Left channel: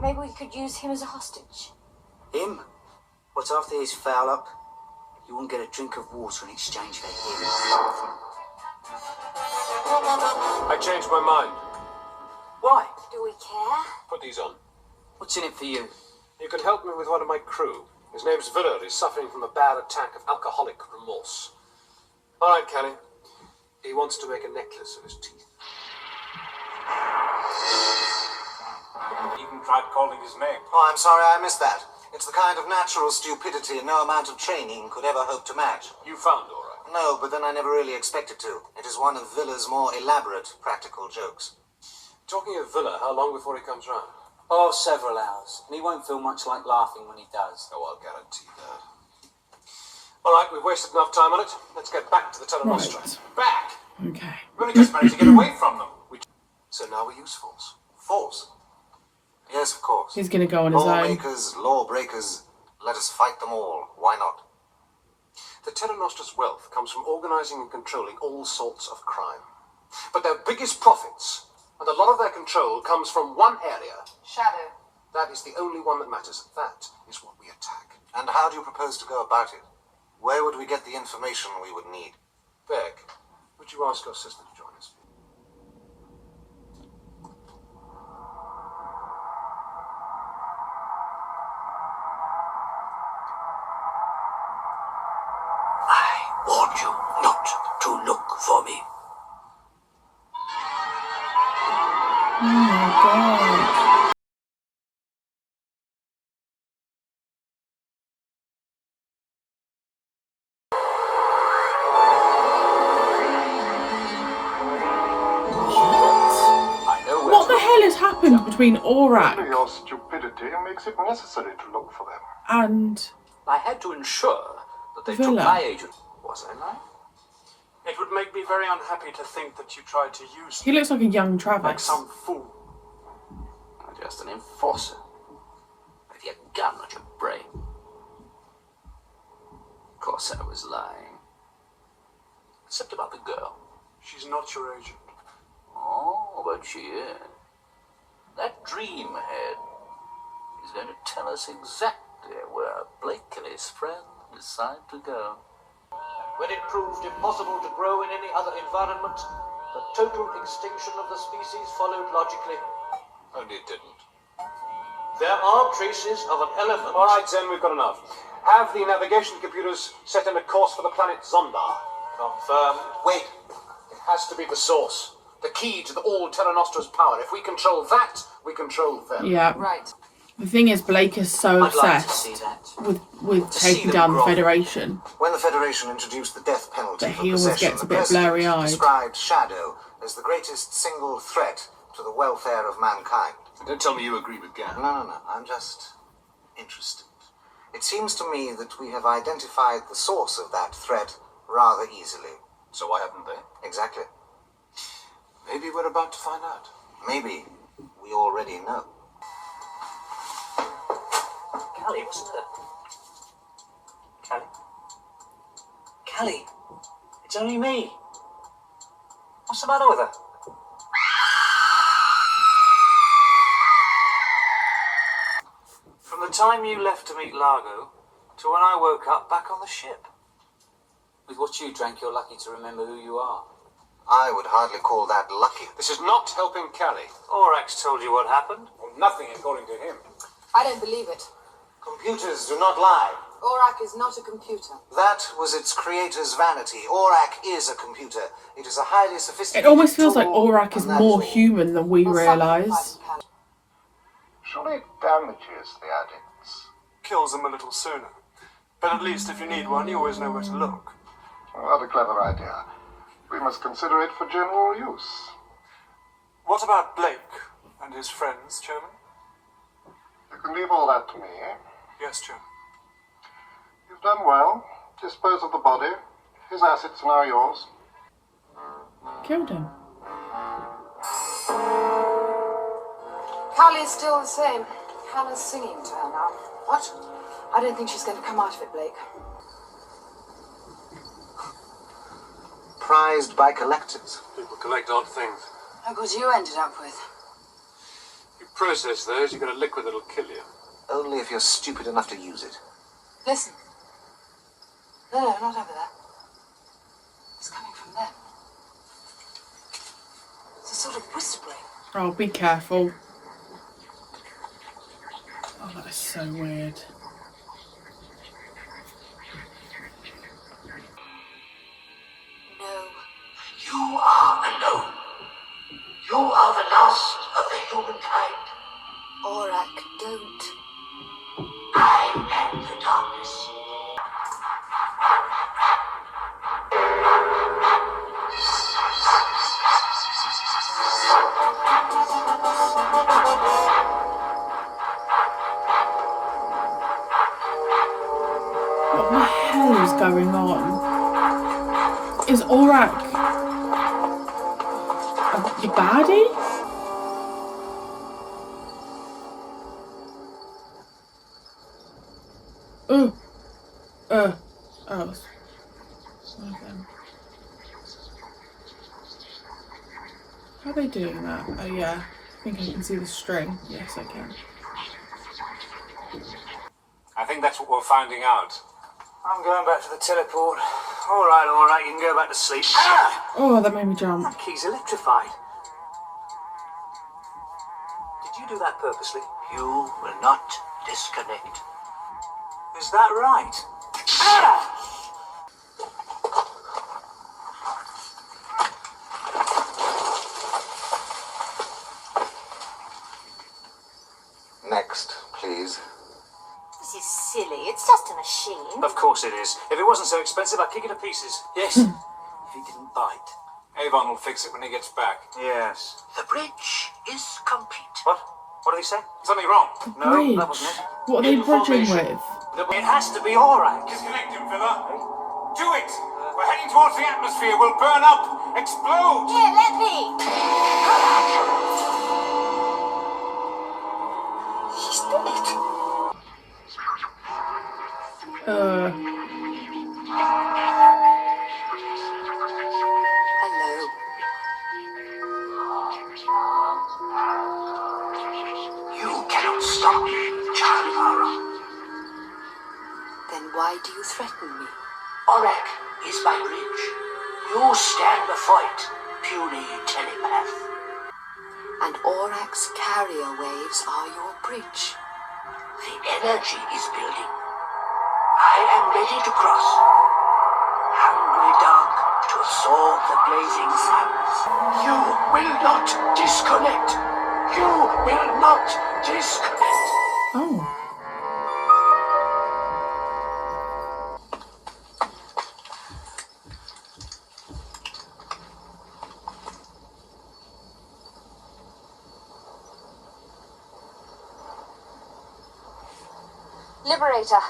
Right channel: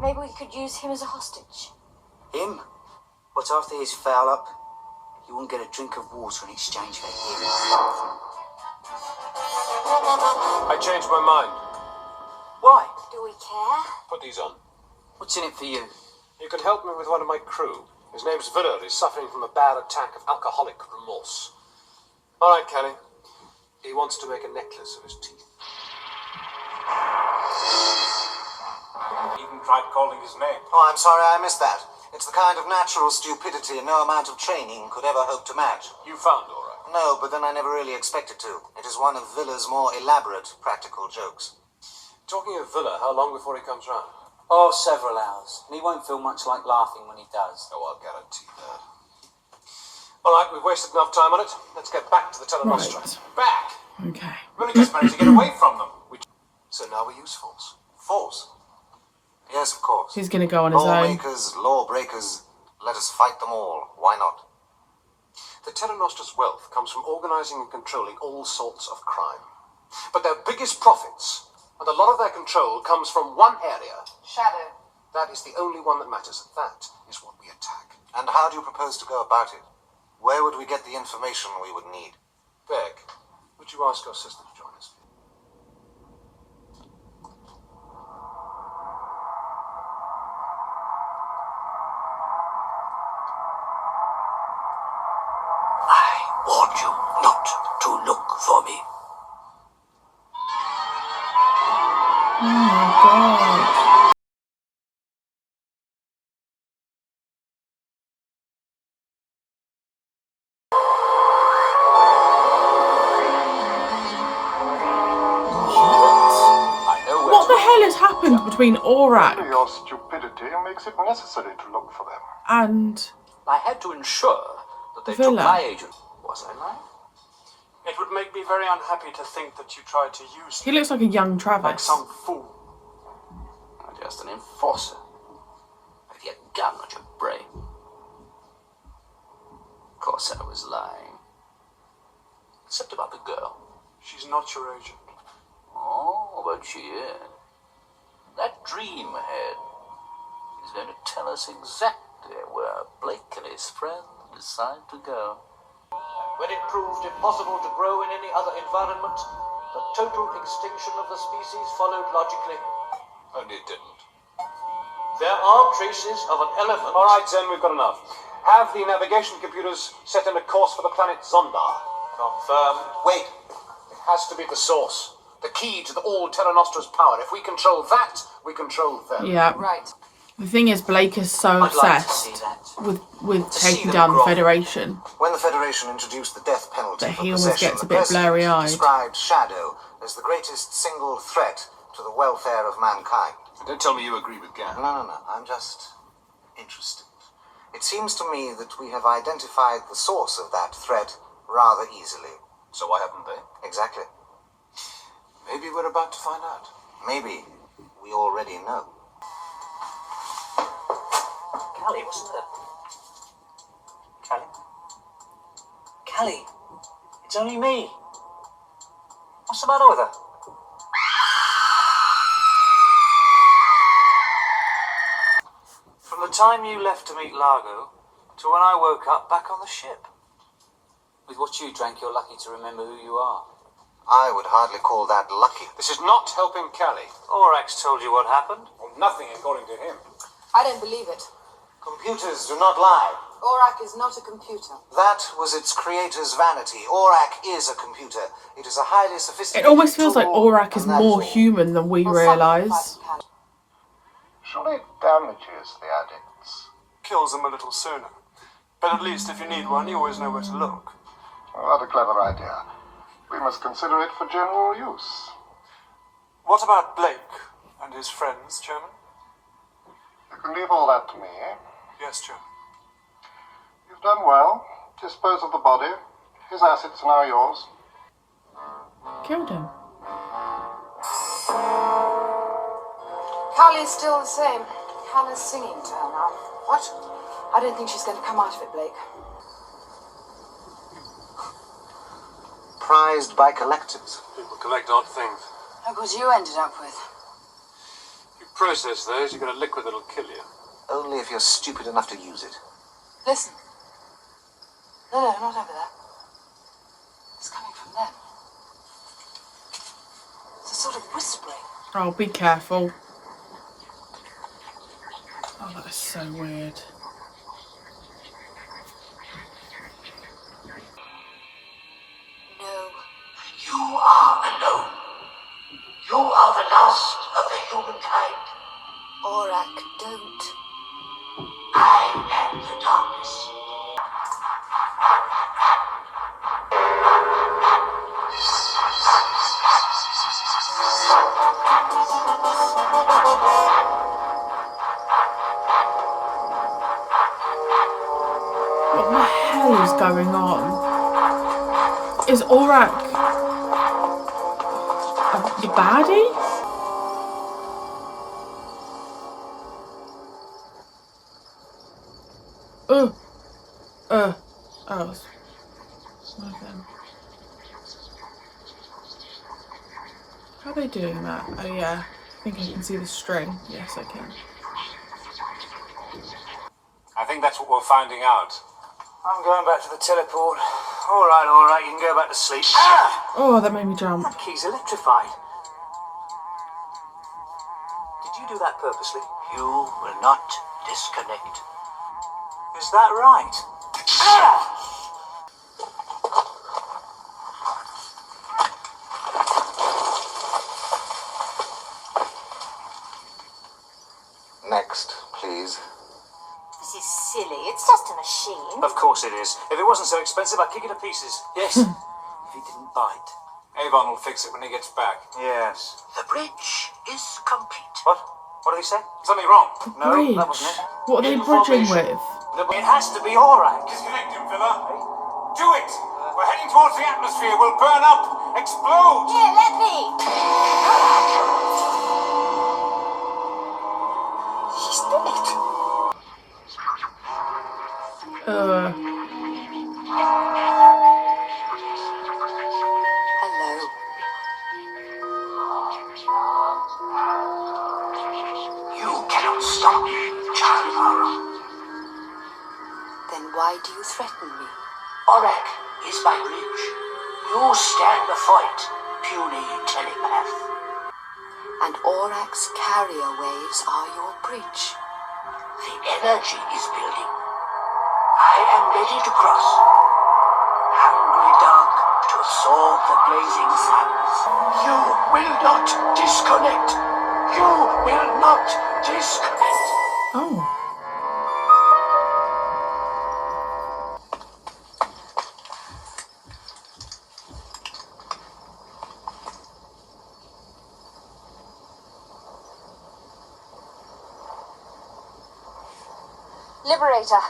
maybe we could use him as a hostage. Him? What, after his foul up? You won't get a drink of water in exchange for him. I changed my mind. Why? Do we care? Put these on. What's in it for you? You can help me with one of my crew. His name's Villa. He's suffering from a bad attack of alcoholic remorse. All right, Kelly. He wants to make a necklace of his teeth. Even tried calling his name. Oh, I'm sorry, I missed that. It's the kind of natural stupidity no amount of training could ever hope to match. You found Aura. No, but then I never really expected to. It is one of Villa's more elaborate practical jokes. Talking of Villa, how long before he comes round? Oh, several hours. And he won't feel much like laughing when he does. Oh, I'll guarantee that. All right, we've wasted enough time on it. Let's get back to the Telenostra. Right. Back! Okay. We only just managed to get away from them. So now we use force. Force? Yes, of course. He's going to go on his own. Lawmakers, lawbreakers, let us fight them all. Why not? The Telenostra's wealth comes from organizing and controlling all sorts of crime. But their biggest profits, and a lot of their control, comes from one area. Shadow. That is the only one that matters. That is what we attack. And how do you propose to go about it? Where would we get the information we would need? Beck, would you ask your sister to join us? I warned you not to look for me. Oh my god. What the hell has happened between Aurak Your stupidity makes it necessary to look for them. and I had to ensure that they Villa? took my agent. Was I right? It would make me very unhappy to think that you tried to use he looks like a young like Travis? some fool. I'm just an enforcer. With your gun at your brain. Of course I was lying. Except about the girl. She's not your agent. Oh, but she is. That dream head is going to tell us exactly where Blake and his friend decide to go. When it proved impossible to grow in any other environment, the total extinction of the species followed logically. Only it didn't. There are traces of an element. All right, Zen, we've got enough. Have the navigation computers set in a course for the planet Zonda. Confirmed. Wait. It has to be the source. The key to all Telenostra's power. If we control that, we control them. Yeah. Right. The thing is, Blake is so I'd like to see obsessed that. with see taking them down the grow. Federation. When the Federation introduced the death penalty But for he always possession, gets a the bit president blurry-eyed. described Shadow as the greatest single threat to the welfare of mankind. Don't tell me you agree with Gant. No. I'm just interested. It seems to me that we have identified the source of that threat rather easily. So why haven't they? Exactly. Maybe we're about to find out. Maybe we already know. Callie, wasn't it? Callie? Callie, it's only me. What's the matter with her? From the time you left to meet Largo to when I woke up back on the ship. With what you drank, you're lucky to remember who you are. I would hardly call that lucky. This is not helping Callie. Orax told you what happened. Well, nothing according to him. I don't believe it. Computers do not lie. Aurak is not a computer. That was its creator's vanity. Aurak is a computer. It is a highly sophisticated It almost feels like tool, Aurak is and that more all. human than we Or realise. sacrifice Callie. Surely it damages the addicts. Kills them a little sooner. But at least if you need one, you always know where to look. What a clever idea. We must consider it for general use. What about Blake and his friends, Chairman? You can leave all that to me, eh? Yes, Chairman. You've done well. Dispose of the body. His assets are now yours. Killed him. Callie's still the same. Hannah's singing to her now. What? I don't think she's going to come out of it, Blake. Prized by collectors. People collect odd things. Look what you ended up with. You process, though, is you've got a liquid that'll kill you. Only if you're stupid enough to use it. Listen. No, not over there. It's coming from them. It's a sort of whispering. Oh, be careful. Oh, that is so weird. No. You are alone. You are the last of the humankind. Aurak, don't. I am the darkness. What the hell is going on? Is Aurak the baddie? Oh. Nothing. How are they doing that? Oh yeah, I think I can see the string. Yes, I can. I think that's what we're finding out. I'm going back to the teleport. All right, you can go back to sleep. Ah! Oh, that made me jump. That key's electrified. Did you do that purposely? You will not disconnect. Is that right? Ah! Next, please. This is silly. It's just a machine. Of course it is. If it wasn't so expensive, I'd kick it to pieces. Yes. If he didn't bite. Avon will fix it when he gets back. Yes. The bridge is complete. What? What did he say? Something wrong. No, Bridge. that wasn't it. What are they bridging Information. with? It has to be Aurak. Disconnect him, Villa. Do it! We're heading towards the atmosphere. We'll burn up. Explode! Here, let me. She's done it. Hello. You cannot stop me, child Aura. Then why do you threaten me? Aurak is my bridge. You stand the fight, puny telepath. And Aurak's carrier waves are your bridge. The energy is building. I am ready to cross. Hungry dark to absorb the blazing suns. You will not disconnect. You will not disconnect. Oh. Liberator.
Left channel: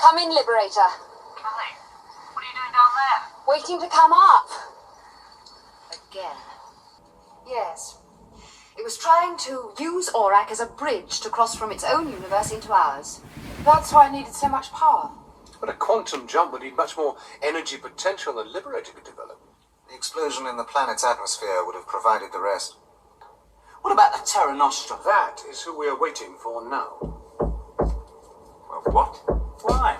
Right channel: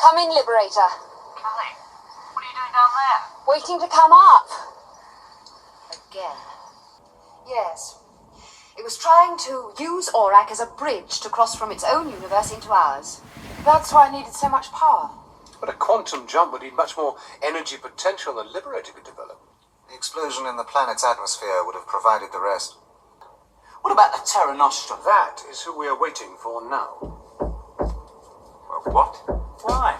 Come in, Liberator. Kelly, what are you doing down there? Waiting to come up. Again. Yes. It was trying to use Aurak as a bridge to cross from its own universe into ours. That's why I needed so much power. But a quantum jump would need much more energy potential than Liberator could develop. The explosion in the planet's atmosphere would have provided the rest. What about the Terra Nostra? That is who we are waiting for now. What? Why?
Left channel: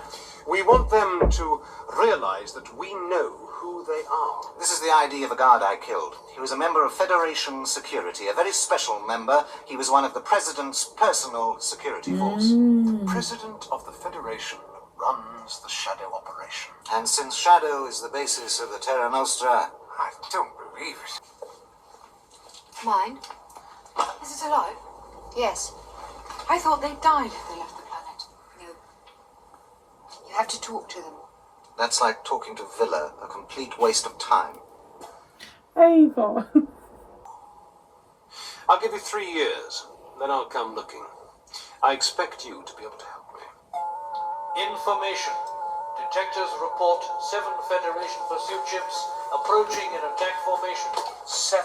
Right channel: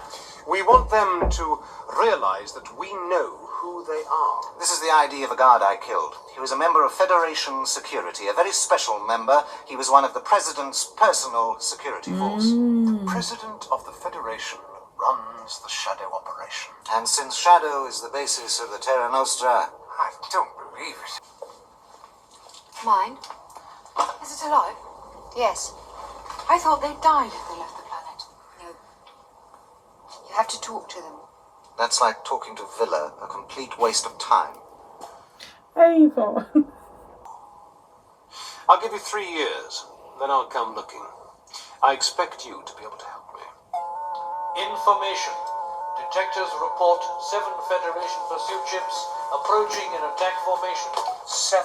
We want them to realize that we know who they are. This is the ID of a guard I killed. He was a member of Federation Security, a very special member. He was one of the President's personal security force. The President of the Federation runs the Shadow operation. And since Shadow is the basis of the Terra Nostra, I don't believe it. Mine? Is it alive? Yes. I thought they died if they left the planet. No. You have to talk to them. that's like talking to Villa, a complete waste of time. Avon. I'll give you 3 years, then I'll come looking. I expect you to be able to help me. Information. Detectors report 7 Federation pursuit ships approaching in attack formation. 7?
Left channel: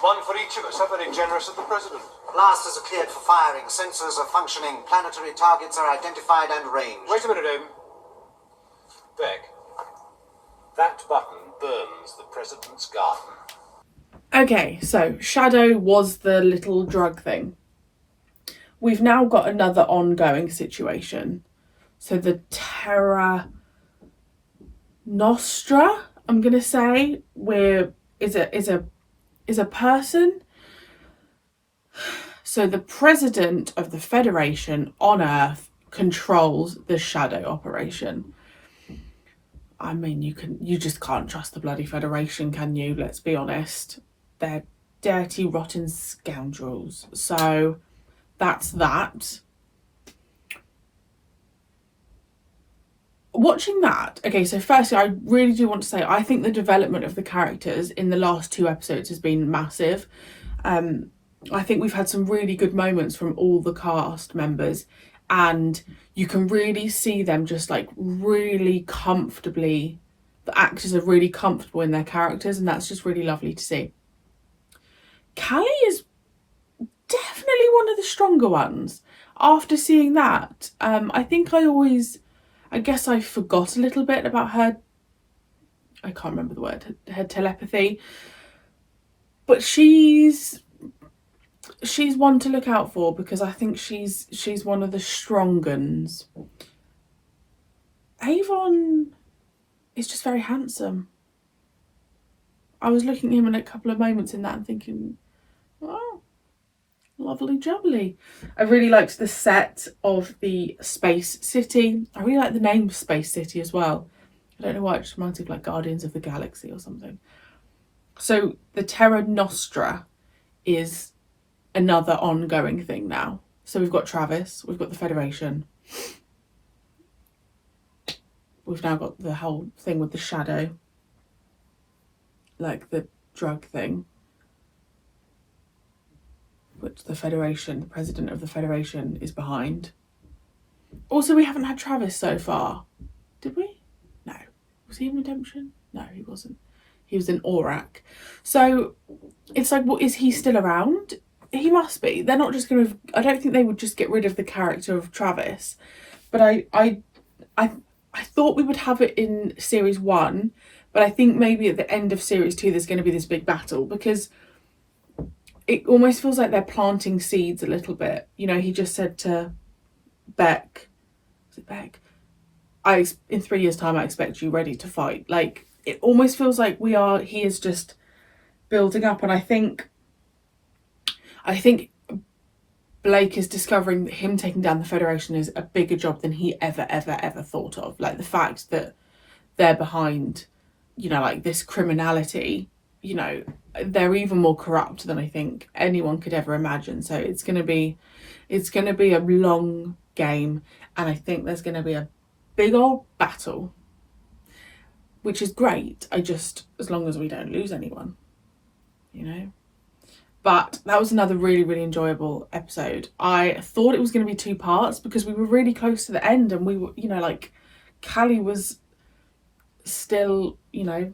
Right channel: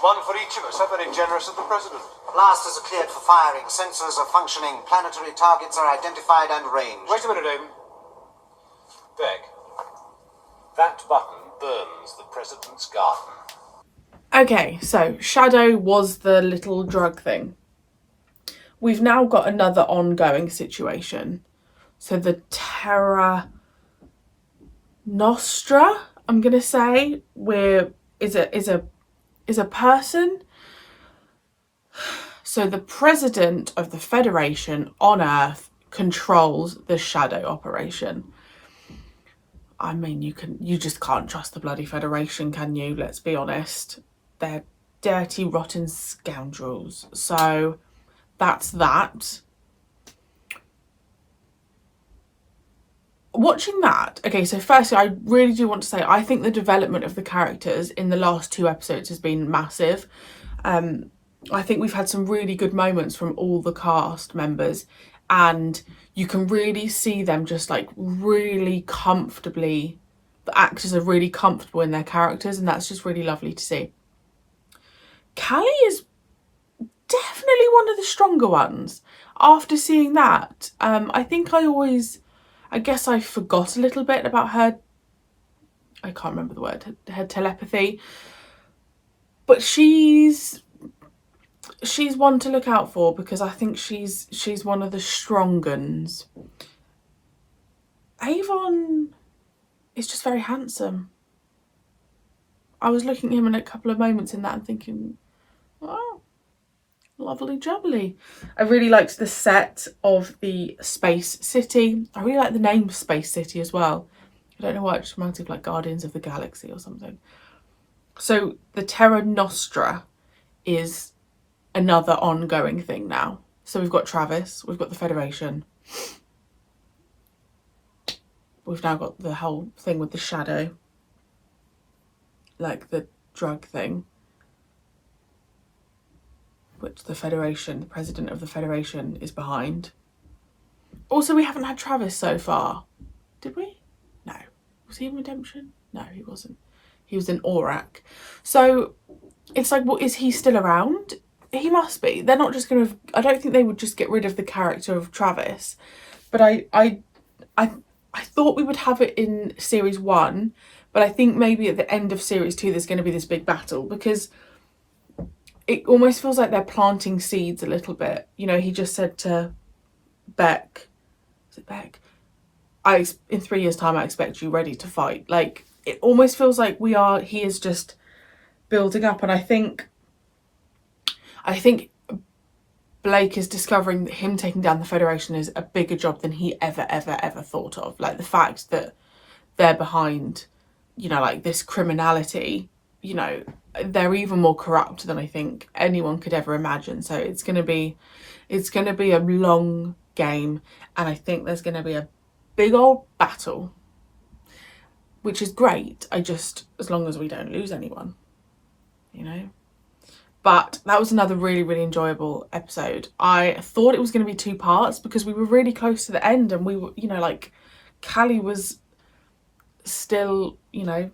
One for each of us. How very generous of the President. Blasters are cleared for firing. Sensors are functioning. Planetary targets are identified and ranged. Wait a minute, Aim. Beck. That button burns the President's garden. Okay, so Shadow was the little drug thing. we've now got another ongoing situation. So the Terra Nostra, I'm gonna say, is a person. So the president of the Federation on Earth controls the shadow operation. I mean, you just can't trust the bloody Federation, can you? Let's be honest. They're dirty, rotten scoundrels. So that's that. Watching that, okay, so firstly, I really do want to say, I think the development of the characters in the last 2 episodes has been massive. I think we've had some really good moments from all the cast members, and you can really see them just like really comfortably, the actors are really comfortable in their characters, and that's just really lovely to see. Callie is definitely one of the stronger ones. After seeing that, I think I guess I forgot a little bit about her, I can't remember the word, her telepathy, but she's one to look out for, because I think she's one of the strong uns. Avon is just very handsome. I was looking at him in a couple of moments in that and thinking, oh, lovely jubbly. I really liked the set of the Space City. I really like the name Space City as well. I don't know why, it just reminds me of like Guardians of the Galaxy or something. So the Terra Nostra is another ongoing thing now. So we've got Travis, we've got the Federation. We've now got the whole thing with the shadow, like the drug thing, which the Federation, the president of the Federation, is behind. Also, we haven't had Travis so far. Did we? No. Was he in Redemption? No, he wasn't. He was in Aurak. So it's like, well, is he still around? He must be. They're not just going to... I don't think they would just get rid of the character of Travis. But I thought we would have it in Series 1. But I think maybe at the end of Series 2 there's going to be this big battle. Because it almost feels like they're planting seeds a little bit. You know, he just said to Beck... Is it Beck? In 3 years' time, I expect you ready to fight. Like, it almost feels like he is just building up. And I think Blake is discovering that him taking down the Federation is a bigger job than he ever thought of. Like, the fact that they're behind, you know, like this criminality, you know, they're even more corrupt than I think anyone could ever imagine. So it's going to be a long game, and I think there's going to be a big old battle, which is great. As long as we don't lose anyone, you know. But that was another really, really enjoyable episode. I thought it was going to be 2 parts because we were really close to the end, and we were, you know, like, Callie was still, you know,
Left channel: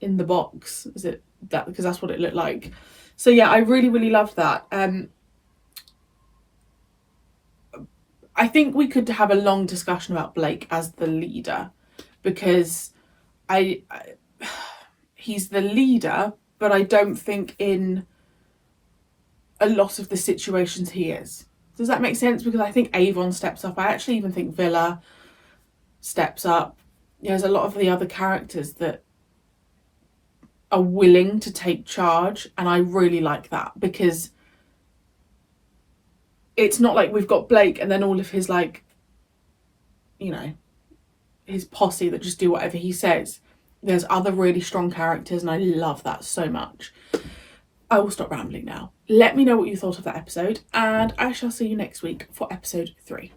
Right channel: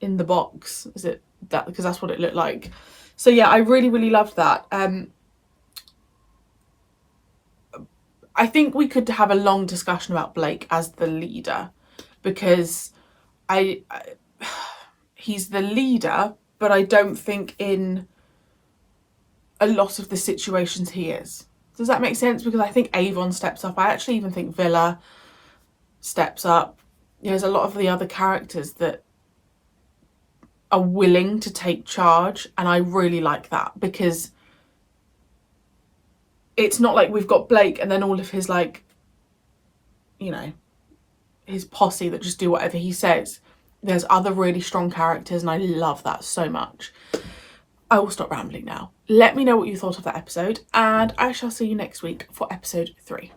in the box. Is it that? Because that's what it looked like. So yeah, I really, really loved that. I think we could have a long discussion about Blake as the leader, because he's the leader, but I don't think in a lot of the situations he is. Does that make sense? Because I think Avon steps up. I actually even think Villa steps up. There's a lot of the other characters that are willing to take charge, and I really like that, because it's not like we've got Blake and then all of his, like, you know, his posse that just do whatever he says. There's other really strong characters, and I love that so much. I will stop rambling now. Let me know what you thought of that episode, and I shall see you next week for episode 3.